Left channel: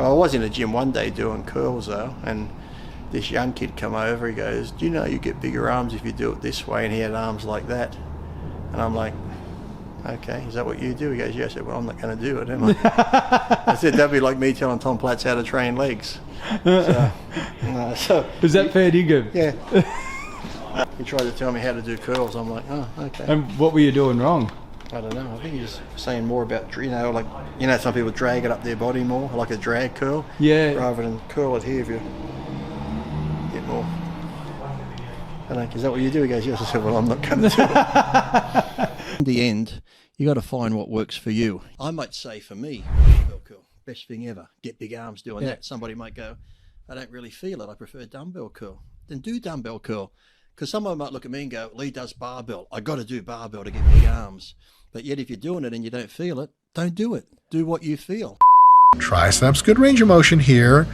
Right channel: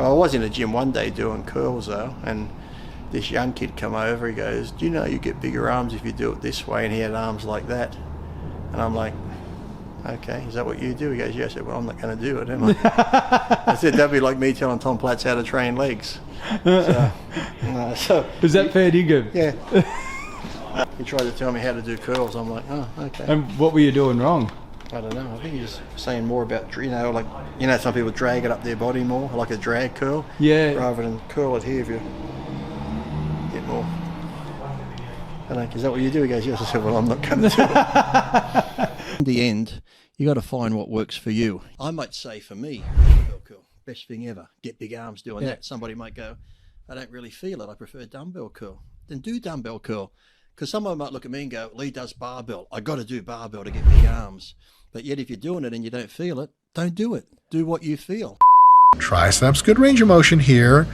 Well, I was in a gym one day doing curls though, and this young kid come over, he goes, do you know you get bigger arms if you do it this way? And he had arms like that. And I'm like, okay, is that what you do? He goes, yeah. I said, well, I'm not going to do it, am I? I said, that'd be like me telling Tom Platz how to train legs. So is that fair dinkum? Yeah. He tried to tell me how to do curls. I'm like, oh, okay. And what were you doing wrong? I don't know. I think he's saying more about, like, some people drag it up their body more, like a drag curl. Yeah. Rather than curl it here if you get more. I'm like, is that what you do? He goes, yes. I said, well, I'm not going to do it. In the end, you got to find what works for you. I might say for me, dumbbell curl, best thing ever. Get big arms doing that. Somebody might go, I don't really feel it. I prefer dumbbell curl. Then do dumbbell curl. Because someone might look at me and go, Lee does barbell. I got to do barbell to get big arms. But yet if you're doing it and you don't feel it, don't do it. Do what you feel. Triceps, good range of motion here.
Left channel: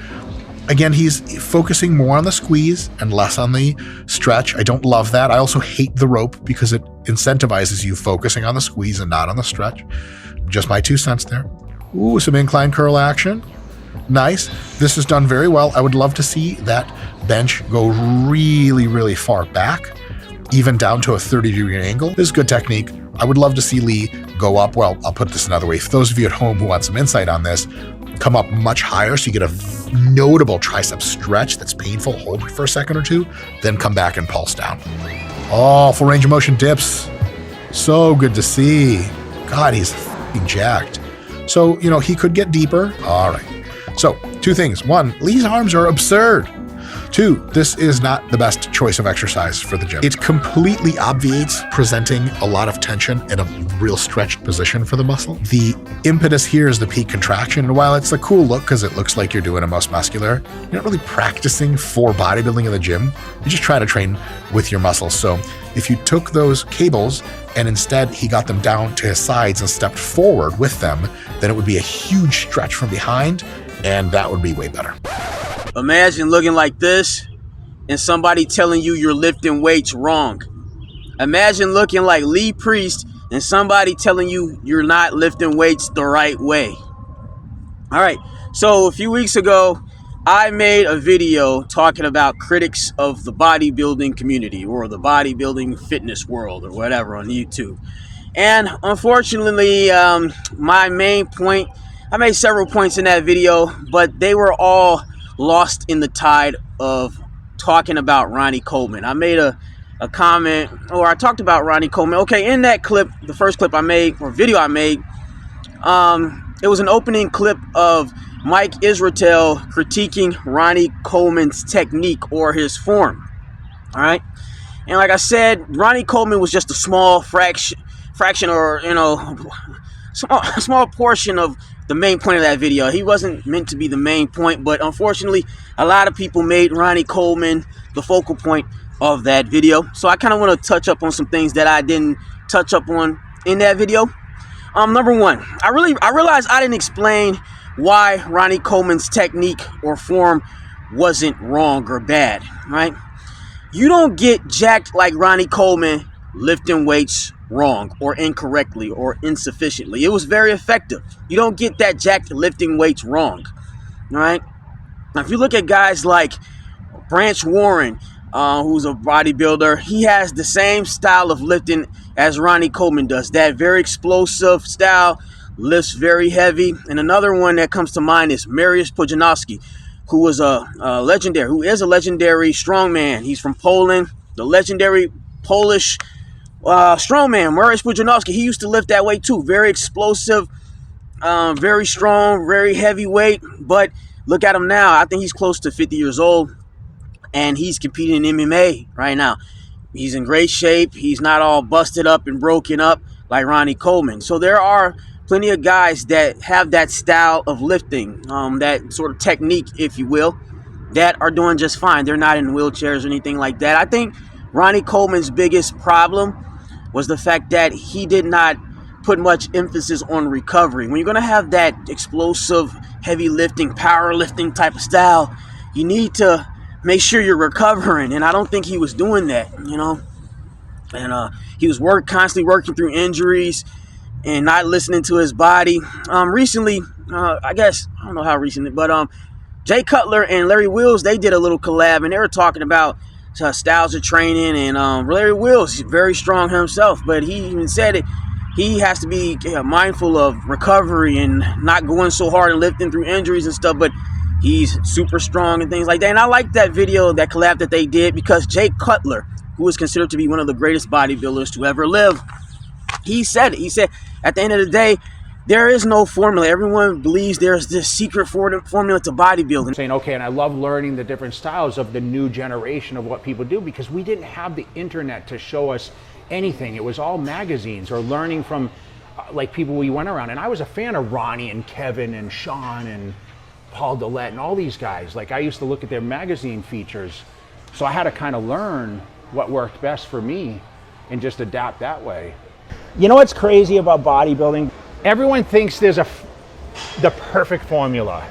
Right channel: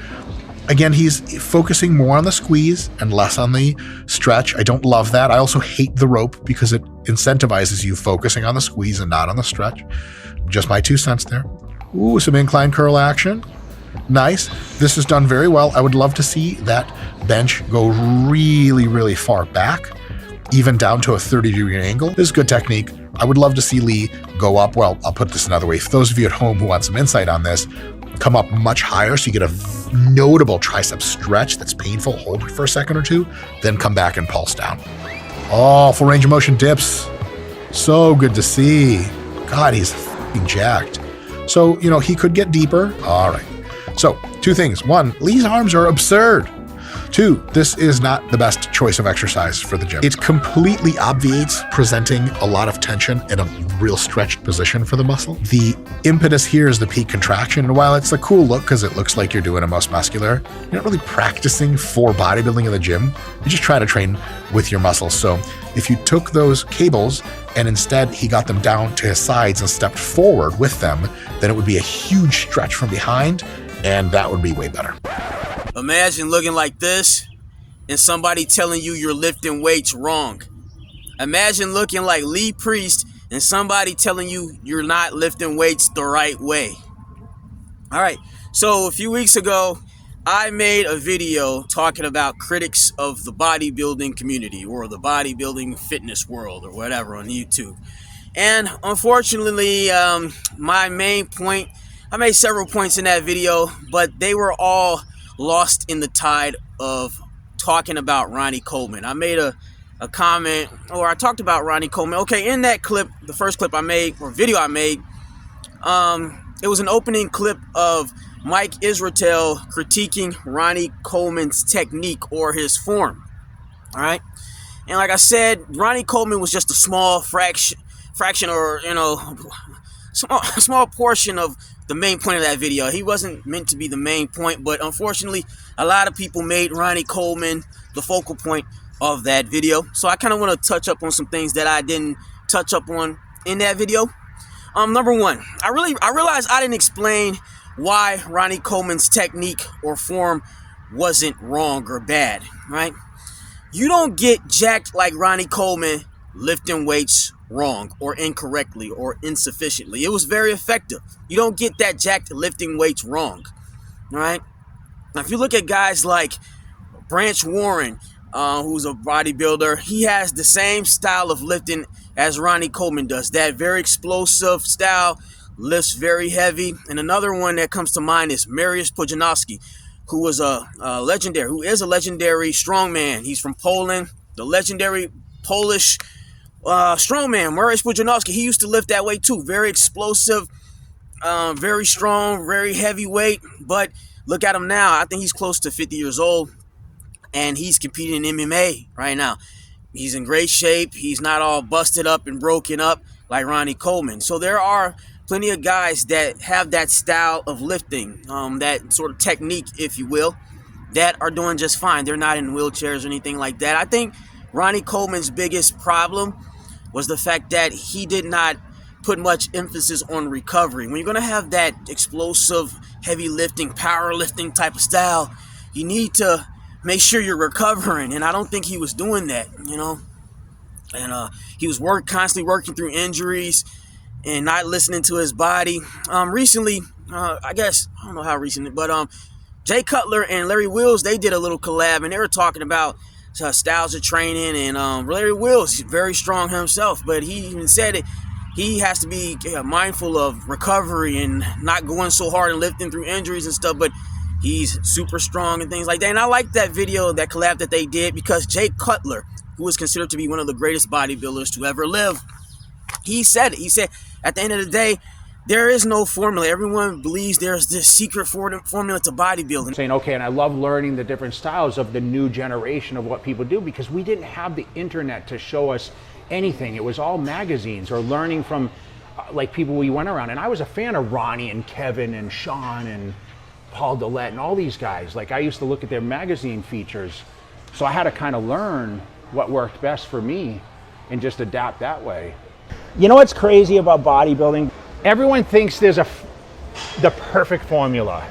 Again, he's focusing more on the squeeze and less on the stretch. I don't love that. I also hate the rope because it incentivizes you focusing on the squeeze and not on the stretch. Just my 2 cents there. Ooh, some incline curl action. Nice. This is done very well. I would love to see that bench go really, really far back, even down to a 30-degree angle. This is good technique. I would love to see Lee go up. Well, I'll put this another way. For those of you at home who want some insight on this, come up much higher so you get a notable tricep stretch that's painful. Hold it for a second or two, then come back and pulse down. Oh, full range of motion dips. So good to see. God, he's f***ing jacked. So, he could get deeper. All right. So, 2 things. 1, Lee's arms are absurd. 2, this is not the best choice of exercise for the gym. It completely obviates presenting a lot of tension in a real stretched position for the muscle. The impetus here is the peak contraction, and while it's a cool look because it looks like you're doing a most muscular, you're not really practicing for bodybuilding in the gym. You're just trying to train with your muscles. So if you took those cables and instead he got them down to his sides and stepped forward with them, then it would be a huge stretch from behind, and that would be way better. Imagine looking like this and somebody telling you you're lifting weights wrong. Imagine looking like Lee Priest and somebody telling you you're not lifting weights the right way. All right, so a few weeks ago, I made a video talking about critics of the bodybuilding community or the bodybuilding fitness world or whatever on YouTube. And unfortunately, my main point, I made several points in that video, but they were all lost in the tide of talking about Ronnie Coleman. I made a comment, or I talked about Ronnie Coleman. Okay, in that clip, the first clip I made, or video I made, it was an opening clip of Mike Israetel critiquing Ronnie Coleman's technique or his form. All right, and like I said, Ronnie Coleman was just a small fraction, or small portion of the main point of that video. He wasn't meant to be the main point, but unfortunately, a lot of people made Ronnie Coleman the focal point of that video. So I kind of want to touch up on some things that I didn't touch up on in that video. Number 1, I realized I didn't explain why Ronnie Coleman's technique or form wasn't wrong or bad, right? You don't get jacked like Ronnie Coleman lifting weights wrong or incorrectly or insufficiently. It was very effective. You don't get that jacked lifting weights wrong. All right. Now, if you look at guys like Branch Warren, who's a bodybuilder, he has the same style of lifting as Ronnie Coleman does. That very explosive style, lifts very heavy. And another one that comes to mind is Mariusz Pudzianowski, who is a legendary strongman. He's from Poland, the legendary Polish strongman, Mariusz Pudzianowski. He used to lift that weight too. Very explosive, very strong, very heavyweight. But look at him now. I think he's close to 50 years old, and he's competing in MMA right now. He's in great shape. He's not all busted up and broken up like Ronnie Coleman. So there are plenty of guys that have that style of lifting, that sort of technique, if you will, that are doing just fine. They're not in wheelchairs or anything like that. I think Ronnie Coleman's biggest problem was the fact that he did not put much emphasis on recovery. When you're going to have that explosive, heavy lifting, powerlifting type of style, you need to make sure you're recovering. And I don't think he was doing that, And he was constantly working through injuries and not listening to his body. Recently, I guess, I don't know how recent, but Jay Cutler and Larry Wheels, they did a little collab, and they were talking about styles of training. And Larry Wheels, he's very strong himself, but he even said it. He has to be mindful of recovery and not going so hard and lifting through injuries and stuff, but he's super strong and things like that. And I like that video, that collab that they did, because Jay Cutler, who is considered to be one of the greatest bodybuilders to ever live, he said it. He said, at the end of the day, there is no formula. Everyone believes there's this secret formula to bodybuilding. Saying, okay, and I love learning the different styles of the new generation of what people do, because we didn't have the internet to show us anything. It was all magazines or learning from like people we went around. And I was a fan of Ronnie and Kevin and Sean and Paul Dillette and all these guys. Like, I used to look at their magazine features. So I had to kind of learn what worked best for me and just adapt that way. You know what's crazy about bodybuilding? Everyone thinks there's the perfect formula.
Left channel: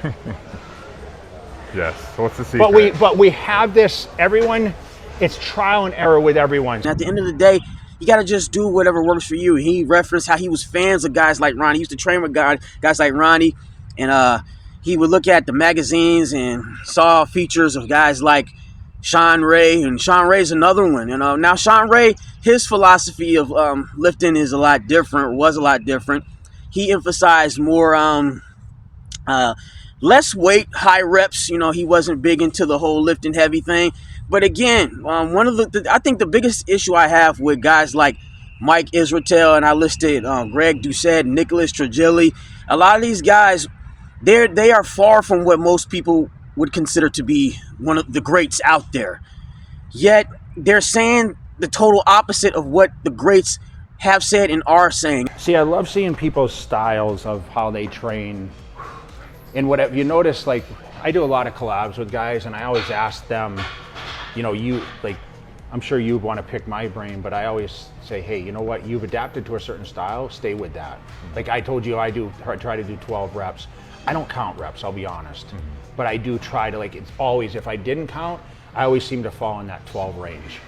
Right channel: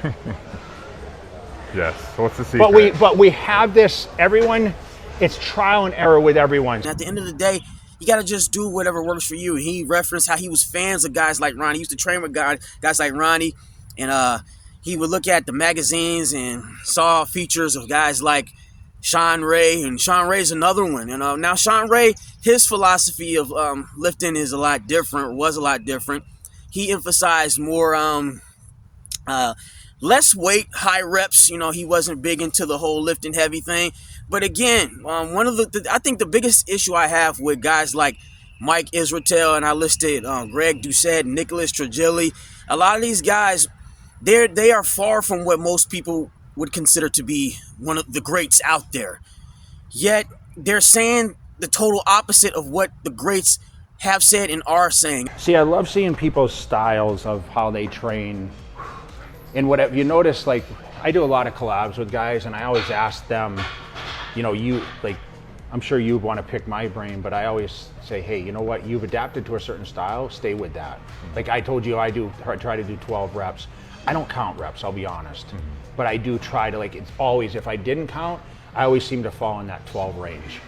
Yes, what's the secret? But we have this, it's trial and error with everyone. At the end of the day, you got to just do whatever works for you. He referenced how he was fans of guys like Ronnie. He used to train with guys like Ronnie, and he would look at the magazines and saw features of guys like Sean Ray, and Sean Ray's another one. And now Sean Ray, his philosophy of lifting is a lot different, was a lot different. He emphasized more less weight, high reps. You know, he wasn't big into the whole lifting heavy thing. But again, one of I think the biggest issue I have with guys like Mike Israetel, and I listed Greg Doucette, Nicholas Trigili, a lot of these guys, they are far from what most people would consider to be one of the greats out there. Yet they're saying the total opposite of what the greats have said and are saying. See, I love seeing people's styles of how they train. And whatever you notice, like, I do a lot of collabs with guys, and I always ask them, you know, I'm sure you want to pick my brain, but I always say, hey, you know what? You've adapted to a certain style, stay with that. Like I told you, I try to do 12 reps. I don't count reps, I'll be honest. But I do try to, it's always, if I didn't count, I always seem to fall in that 12 range.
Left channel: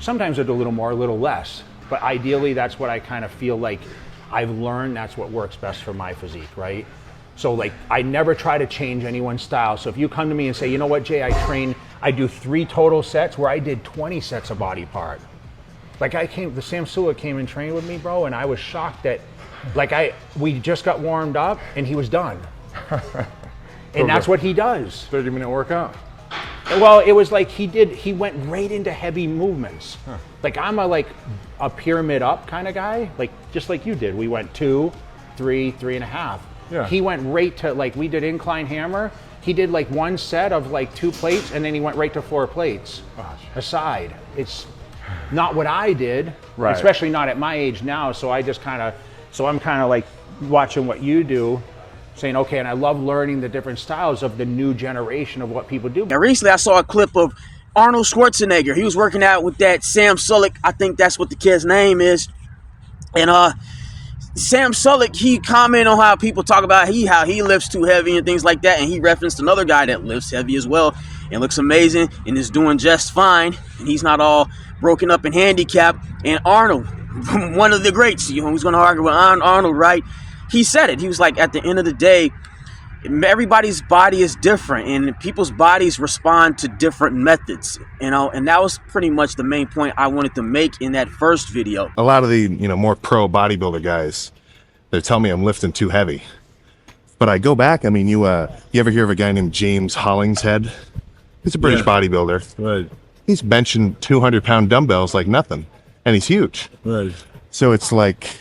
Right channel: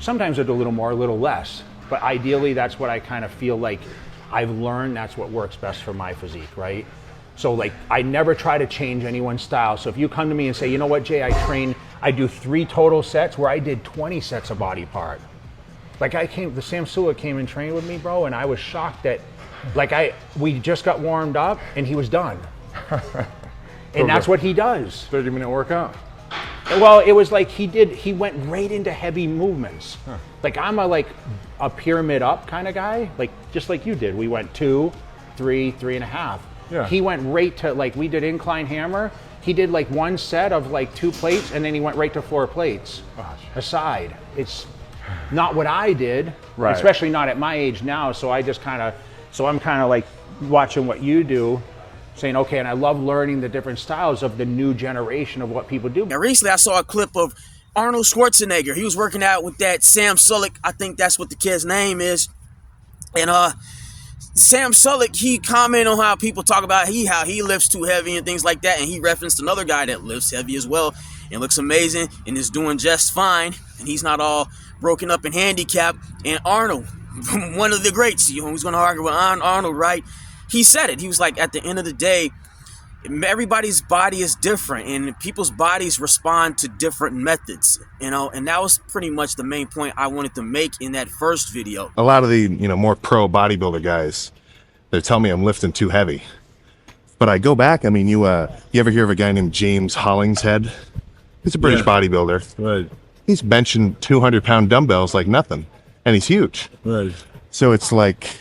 Sometimes I do a little more, a little less, but ideally that's what I kind of feel like I've learned that's what works best for my physique, right? So I never try to change anyone's style. So if you come to me and say, you know what, Jay, I do 3 total sets where I did 20 sets of body part. The Sam Sula came and trained with me, bro, and I was shocked that, we just got warmed up and he was done. And that's what he does. 30-minute workout? Well, it was he went right into heavy movements. Huh. I'm a pyramid up kind of guy, just like you did. We went 2, 3, 3.5. Yeah. He went right to, we did incline hammer. He did one set of 2 plates, and then he went right to 4 plates aside. It's not what I did, right. Especially not at my age now. So I'm kind of watching what you do, saying, okay, and I love learning the different styles of the new generation of what people do. Now, recently I saw a clip of Arnold Schwarzenegger. He was working out with that Sam Sulek. I think that's what the kid's name is. And Sam Sulek, he commented on how people talk about how he lifts too heavy and things like that, and he referenced another guy that lifts heavy as well and looks amazing and is doing just fine, and he's not all broken up and handicapped. And Arnold, one of the greats, who's going to argue with Arnold, right? He said it. He was like, at the end of the day, everybody's body is different, and people's bodies respond to different methods, and that was pretty much the main point I wanted to make in that first video. A lot of the more pro bodybuilder guys, they tell me I'm lifting too heavy, but I go back. I mean, you ever hear of a guy named James Hollingshead? He's a British bodybuilder. Right. He's benching 200-pound dumbbells like nothing, and he's huge. Right. So it's like,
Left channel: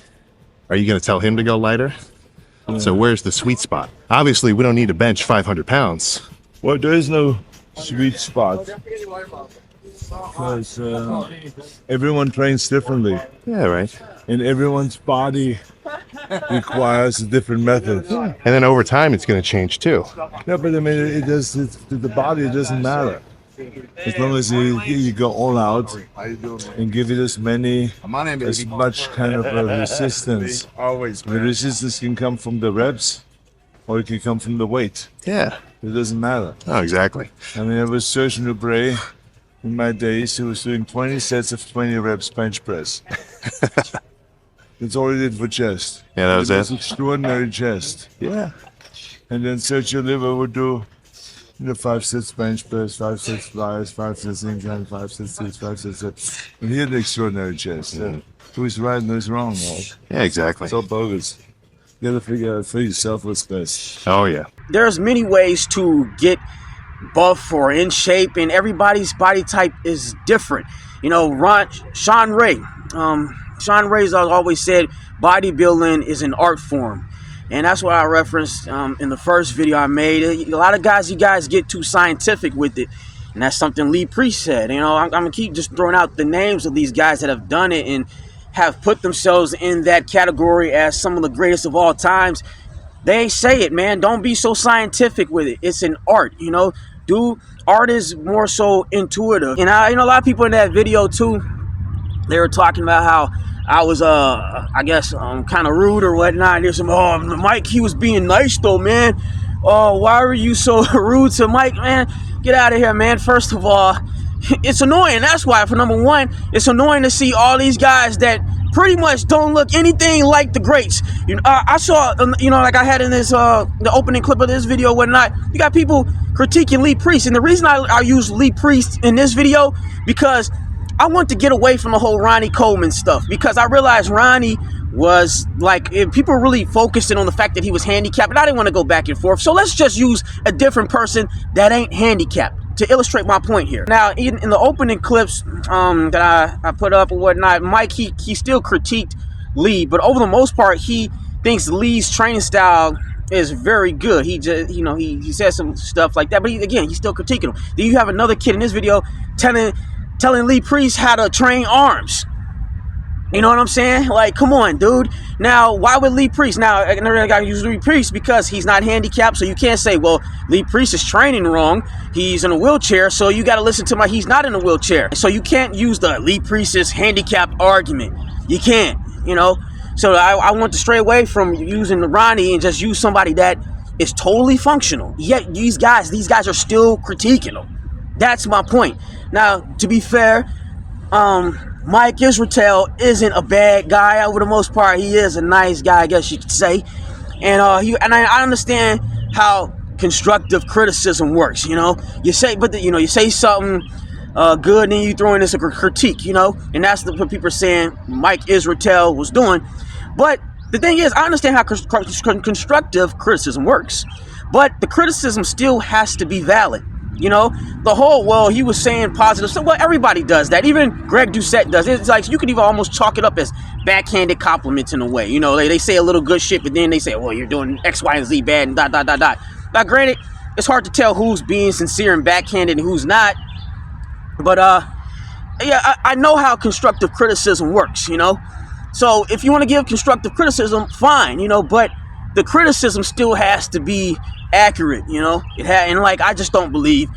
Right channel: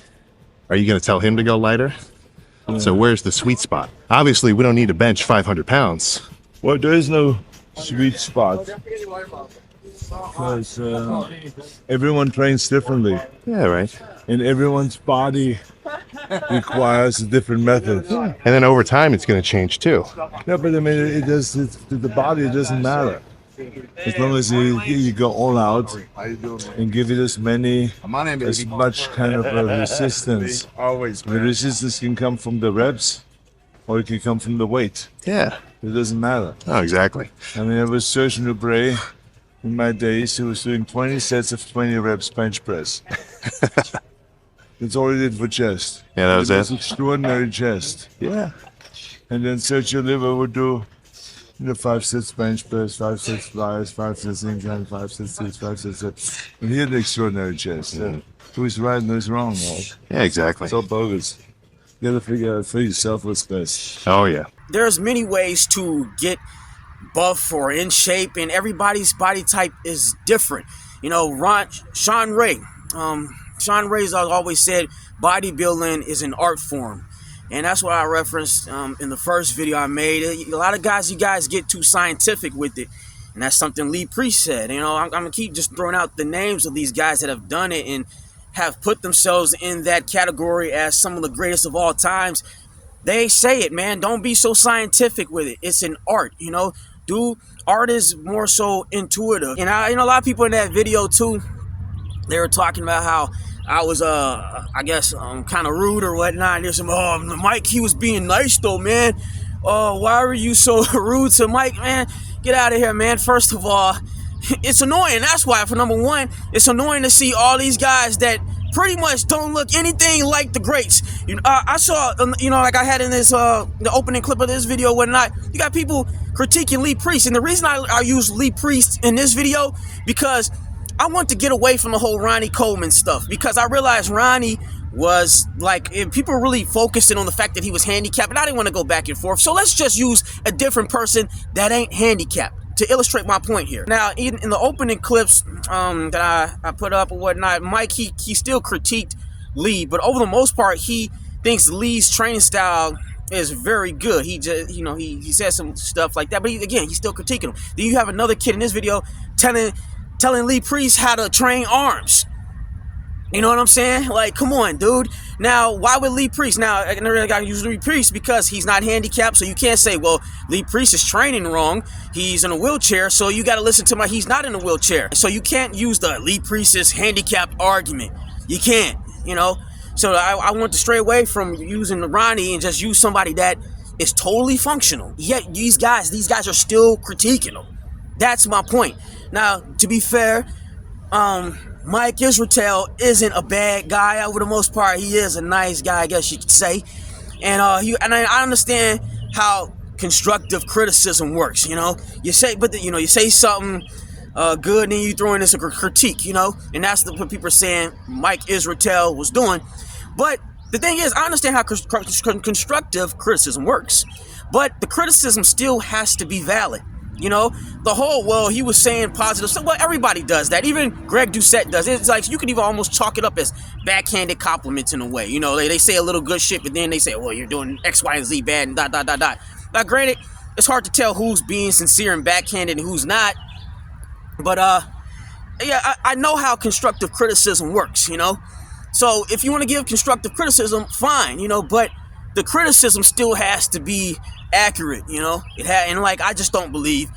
are you going to tell him to go lighter? Yeah. So where's the sweet spot? Obviously, we don't need to bench 500 pounds. Well, there is no sweet spot. Because everyone trains differently. Yeah, right. And everyone's body requires a different method. Yeah. And then over time, it's going to change too. Yeah, but I mean, the body, it doesn't matter. As long as you go all out and give it as much kind of resistance. The resistance can come from the reps, or it can come from the weight. Yeah. It doesn't matter. Oh, exactly. I mean, there was Serge Nubret in my days who was doing 20 sets of 20 reps bench press. That's all he did for chest. Yeah, that was it. Extraordinary chest. Yeah. And then Sergio Oliva would do 5 sets bench press, 5 sets flyers, 5 sets incline, 5 sets this, 5 sets that. And he had an extraordinary chest. Who's right and who's wrong, right? Yeah, exactly. It's all bogus. You gotta figure out for yourself what's best. Oh, yeah. There's many ways to get buff or in shape, and everybody's body type is different. You know, Sean Ray's always said bodybuilding is an art form. And that's what I referenced in the first video I made. A lot of guys, you guys get too scientific with it. And that's something Lee Priest said. You know, I'm going to keep just throwing out the names of these guys that have done it and have put themselves in that category as some of the greatest of all times. They say it, man. Don't be so scientific with it. It's an art, you know. Art is more so intuitive. And a lot of people in that video too, they were talking about how I was, I guess, kind of rude or whatnot. There's some, Mike, he was being nice though, man. Why were you so rude to Mike, man? Get out of here, man. First of all, it's annoying. That's why, for number one, it's annoying to see all these guys that pretty much don't look anything like the greats. You know, I saw, like I had in this, the opening clip of this video and whatnot, you got people critiquing Lee Priest. And the reason I use Lee Priest in this video, because I want to get away from the whole Ronnie Coleman stuff, because I realized Ronnie was like, people were really focusing on the fact that he was handicapped, and I didn't want to go back and forth. So let's just use a different person that ain't handicapped to illustrate my point here. Now, in the opening clips that I put up or whatnot, Mike, he still critiqued Lee, but over the most part, he thinks Lee's training style is very good. He just, he says some stuff like that, but he's still critiquing him. Then you have another kid in this video telling Lee Priest how to train arms. You know what I'm saying? Like, come on, dude. Now, why would Lee Priest? Now, I got to use Lee Priest because he's not handicapped, so you can't say, well, Lee Priest is training wrong. He's in a wheelchair, so you got to listen to he's not in a wheelchair. So you can't use the Lee Priest is handicapped argument. You can't, So I want to stray away from using the Ronnie and just use somebody that is totally functional. Yet these guys are still critiquing him. That's my point. Now, to be fair, Mike Israel isn't a bad guy. Over the most part, he is a nice guy, I guess you could say. And I understand how constructive criticism works. You say, you say something good, and then you throw in this critique. And that's what people are saying Mike Israel was doing. But the thing is, I understand how constructive criticism works, but the criticism still has to be valid. The whole, he was saying positive stuff. Well, everybody does that. Even Greg Doucette does. It's like you could even almost chalk it up as backhanded compliments in a way. They say a little good shit, but then they say, well, you're doing X, Y, and Z bad and ... Now, granted, it's hard to tell who's being sincere and backhanded and who's not. But, I know how constructive criticism works, So if you want to give constructive criticism, fine, but the criticism still has to be accurate, I just don't believe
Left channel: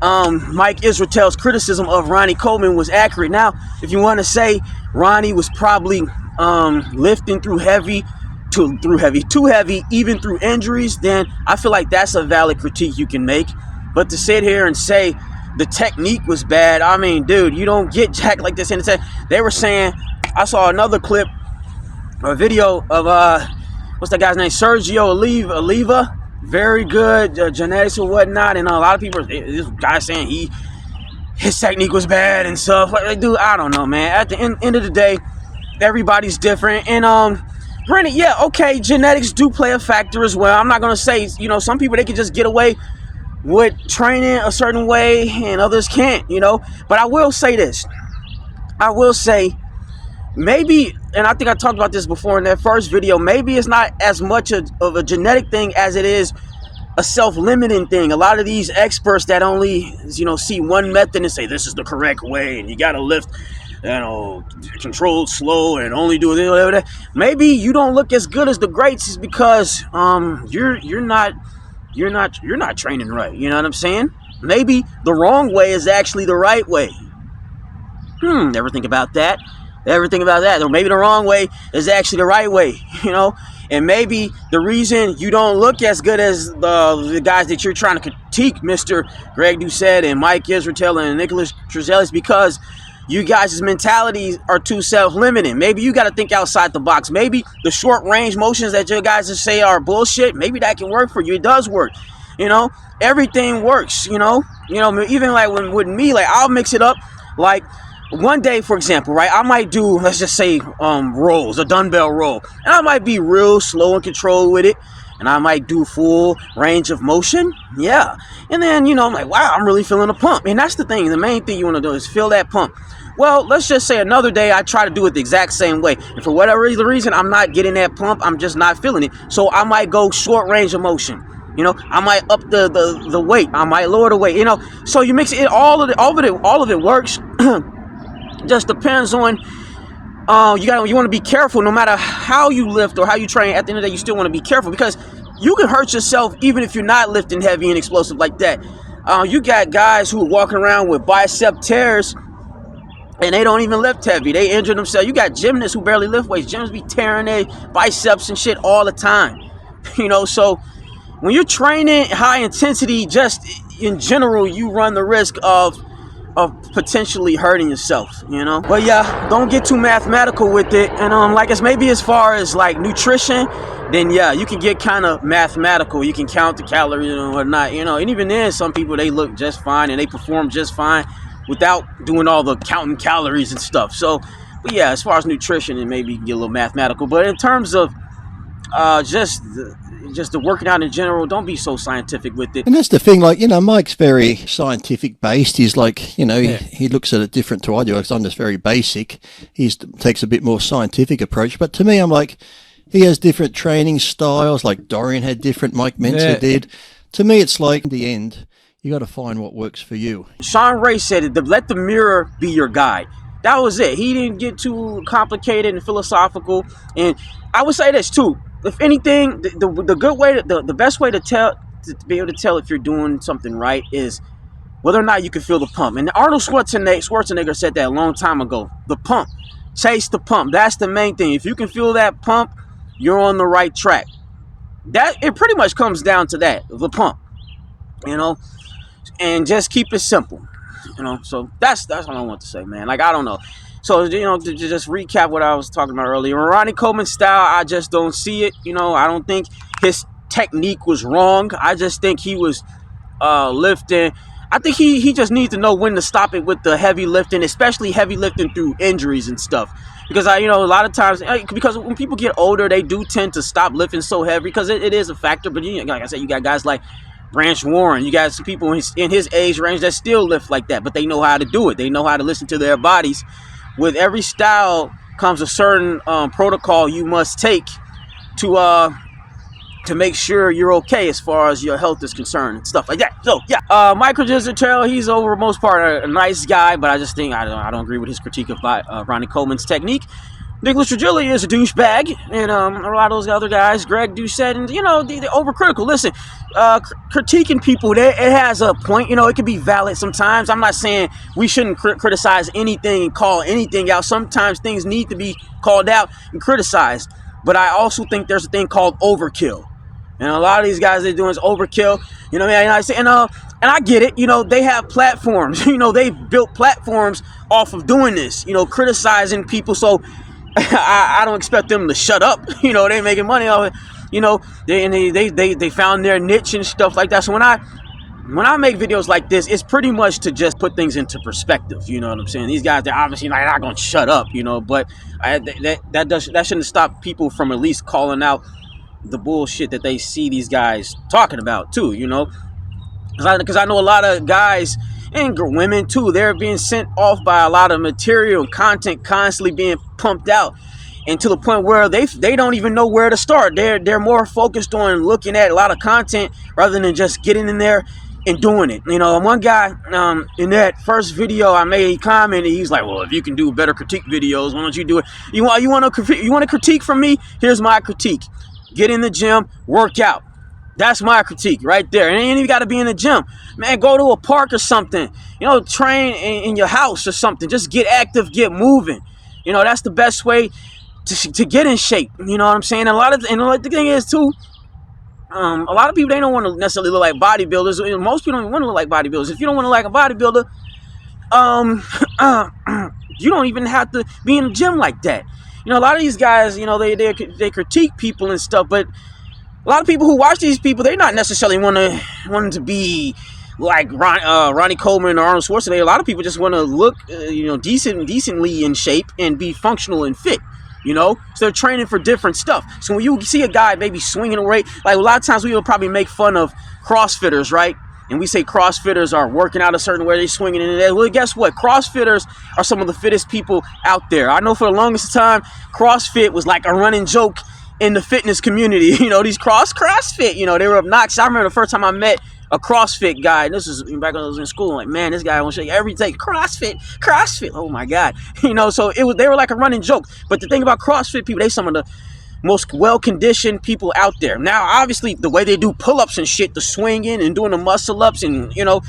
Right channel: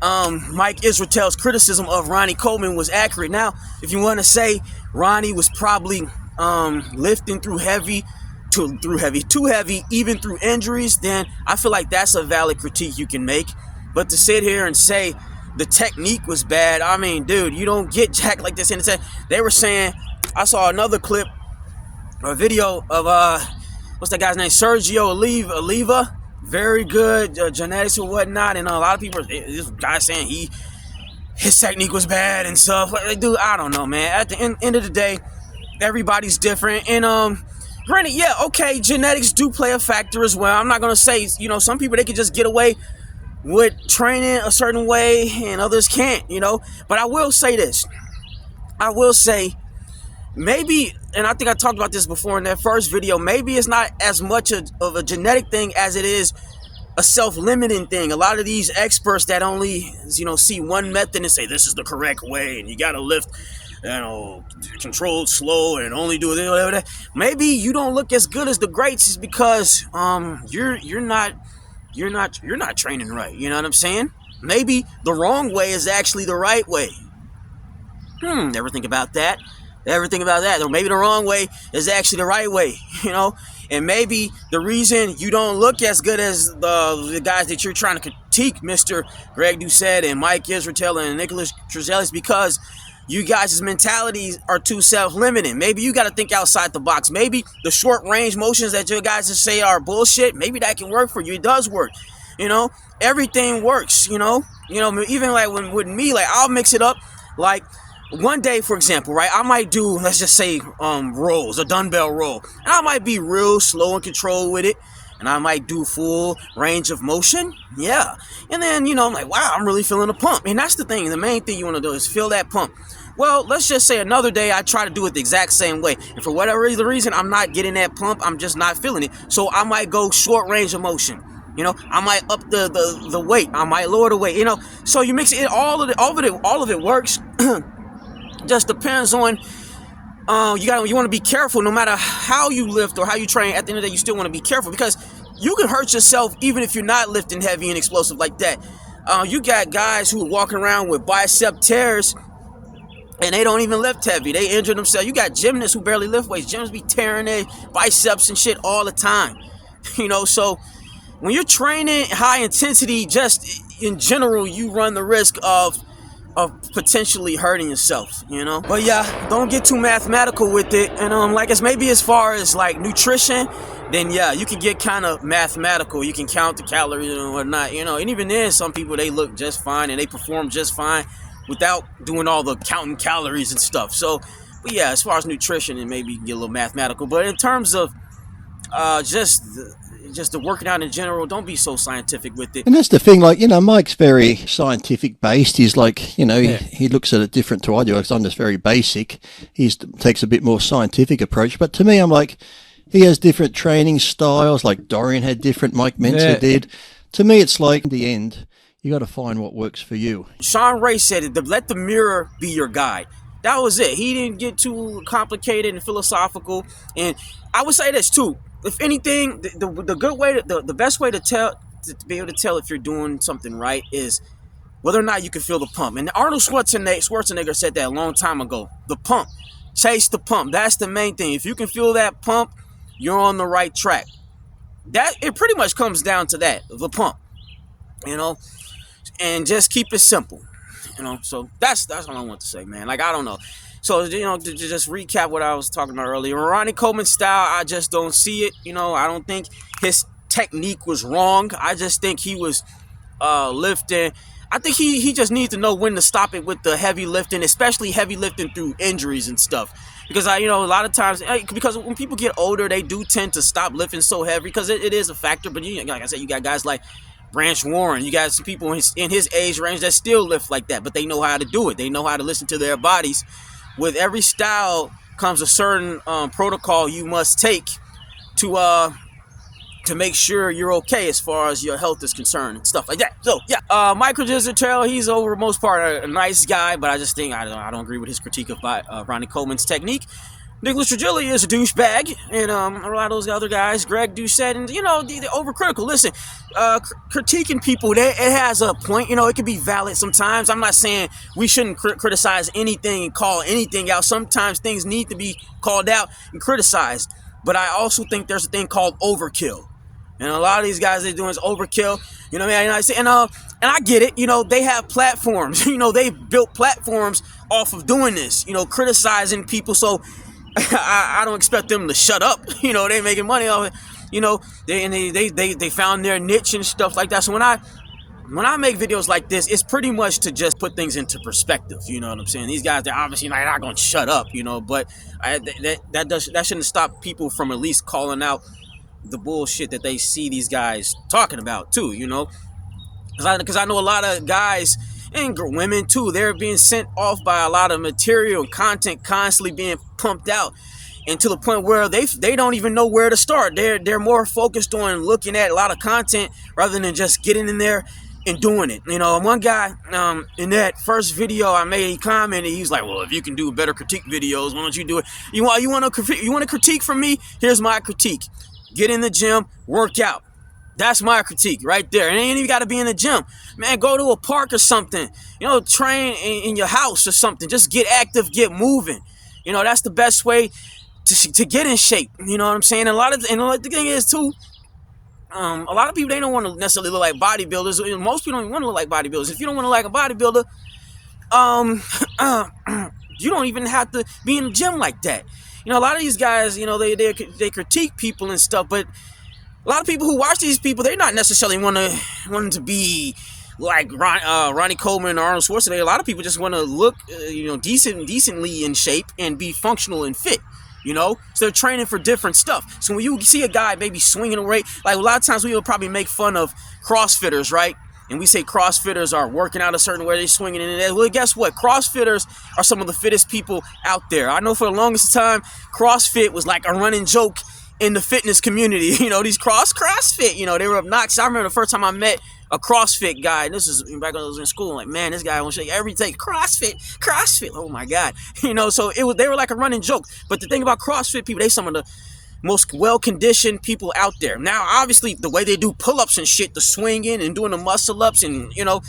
Mike Israel's criticism of Ronnie Coleman was accurate. Now, if you want to say Ronnie was probably lifting too heavy, even through injuries, then I feel like that's a valid critique you can make. But to sit here and say the technique was bad, I mean, dude, you don't get jacked like this. And they were saying, I saw another clip or video of what's that guy's name, Sergio Oliva. Very good genetics or whatnot, and a lot of people, this guy saying his technique was bad and stuff. Like, dude, I don't know, man. At the end of the day, everybody's different, and granted, yeah, okay, genetics do play a factor as well. I'm not gonna say, some people, they can just get away with training a certain way, and others can't, But I will say this. I will say, maybe, and I think I talked about this before in that first video, maybe it's not as much of a genetic thing as it is a self-limiting thing. A lot of these experts that only, see one method and say this is the correct way and you got to lift, controlled, slow, and only do this. Maybe you don't look as good as the greats is because you're not training right. You know what I'm saying? Maybe the wrong way is actually the right way. Never think about that. Or maybe the wrong way is actually the right way, And maybe the reason you don't look as good as the guys that you're trying to critique, Mr. Greg Doucette and Mike Israel and Nicholas Trezell, is because you guys' mentalities are too self-limiting. Maybe you got to think outside the box. Maybe the short range motions that you guys say are bullshit, maybe that can work for you. It does work. You know, everything works, you know, even like with me, like I'll mix it up. Like one day, for example, right, I might do, let's just say, rolls, a dumbbell roll, and I might be real slow and controlled with it. And I might do full range of motion. Yeah. And then, you know, I'm like, wow, I'm really feeling a pump. And that's the thing. The main thing you want to do is feel that pump. Well, let's just say another day I try to do it the exact same way. And for whatever reason, I'm not getting that pump. I'm just not feeling it. So I might go short range of motion. You know, I might up the weight. I might lower the weight. You know, so you mix it. All of it works. Just depends on. You want to be careful no matter how you lift or how you train. At the end of the day, you still want to be careful because you can hurt yourself even if you're not lifting heavy and explosive like that. You got guys who are walking around with bicep tears and they don't even lift heavy. They injure themselves. You got gymnasts who barely lift weights. Gymnasts be tearing their biceps and shit all the time. You know, so when you're training high intensity, just in general, you run the risk of potentially hurting yourself, you know. But yeah, don't get too mathematical with it. And like it's maybe as far as like nutrition, then yeah, you can get kind of mathematical. You can count the calories and whatnot, you know. And even then, some people, they look just fine and they perform just fine without doing all the counting calories and stuff. So, but yeah, as far as nutrition, it maybe get a little mathematical. But in terms of just the working out in general, don't be so scientific with it. And that's the thing, like, you know, Mike's very scientific based. He's like, you know, he looks at it different to I do, because I'm just very basic. He takes a bit more scientific approach. But to me, I'm like, he has different training styles, like Dorian had different, Mike Mentzer did. To me, it's like, in the end, you got to find what works for you. Sean Ray said it, let the mirror be your guide. That was it. He didn't get too complicated and philosophical. And I would say this too. If anything, the good way, the best way to be able to tell if you're doing something right is whether or not you can feel the pump. And Arnold Schwarzenegger said that a long time ago. The pump, chase the pump. That's the main thing. If you can feel that pump, you're on the right track. That it pretty much comes down to that, the pump. You know, and just keep it simple. You know, so that's all I want to say, man. Like, I don't know. So, you know, to just recap what I was talking about earlier, Ronnie Coleman's style, I just don't see it. You know, I don't think his technique was wrong. I just think he was lifting. I think he just needs to know when to stop it with the heavy lifting, especially heavy lifting through injuries and stuff. Because, you know, a lot of times, because when people get older, they do tend to stop lifting so heavy because it is a factor. But, you know, like I said, you got guys like Branch Warren. You got some people in his age range that still lift like that, but they know how to do it. They know how to listen to their bodies. With every style comes a certain protocol you must take to make sure you're okay as far as your health is concerned and stuff like that. So yeah, Michael Gizzartello, he's over the most part a nice guy, but I just think I don't agree with his critique of Ronnie Coleman's technique. Nicholas Trigilli is a douchebag, and a lot of those other guys, Greg Doucette, and, you know, they're overcritical. Listen, critiquing people, it has a point. You know, it can be valid sometimes. I'm not saying we shouldn't criticize anything and call anything out. Sometimes things need to be called out and criticized. But I also think there's a thing called overkill. And a lot of these guys they're doing is overkill. You know what I mean? And I get it. You know, they have platforms. You know, they built platforms off of doing this, you know, criticizing people. So I don't expect them to shut up. You know, they're making money off it. You know, they found their niche and stuff like that. So when I make videos like this, it's pretty much to just put things into perspective. You know what I'm saying? These guys, they're obviously not going to shut up, you know, but that shouldn't stop people from at least calling out the bullshit that they see these guys talking about too, you know? Because I know a lot of guys and women too, they're being sent off by a lot of material and content constantly being pumped out, and to the point where they don't even know where to start. They're more focused on looking at a lot of content rather than just getting in there and doing it. You know, one guy in that first video I made, he commented, he's like, well, if you can do better critique videos, why don't you do it? You want to critique from me? Here's my critique. Get in the gym, work out. That's my critique right there. And it ain't even got to be in the gym. Man, go to a park or something. You know, train in your house or something. Just get active, get moving. You know, that's the best way to get in shape. You know what I'm saying? And the thing is, too, a lot of people, they don't want to necessarily look like bodybuilders. Most people don't even want to look like bodybuilders. If you don't want to look like a bodybuilder, You don't even have to be in the gym like that. You know, a lot of these guys, you know, they critique people and stuff, but a lot of people who watch these people, they're not necessarily wanting to be like Ronnie Coleman or Arnold Schwarzenegger. A lot of people just want to look, you know, decently in shape and be functional and fit. You know, so they're training for different stuff. So when you see a guy maybe swinging a weight, like a lot of times we will probably make fun of CrossFitters, right? And we say CrossFitters are working out a certain way, they're swinging in it. Well, guess what? CrossFitters are some of the fittest people out there. I know for the longest time, CrossFit was like a running joke in the fitness community. You know, these CrossFit, you know, they were obnoxious. I remember the first time I met a CrossFit guy, and this is back when I was in school. I'm like, man, this guy won't show you every day. CrossFit. Oh my God. You know, so they were like a running joke. But the thing about CrossFit people, they some of the most well-conditioned people out there. Now, obviously, the way they do pull-ups and shit, the swinging and doing the muscle-ups, and, you know,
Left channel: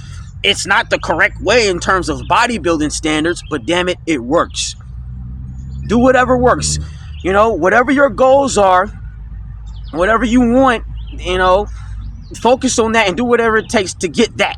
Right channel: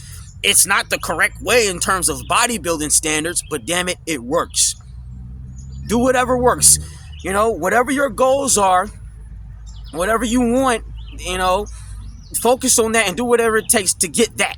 it's not the correct way in terms of bodybuilding standards, but damn it, it works. Do whatever works. You know, whatever your goals are, whatever you want, you know, focus on that and do whatever it takes to get that.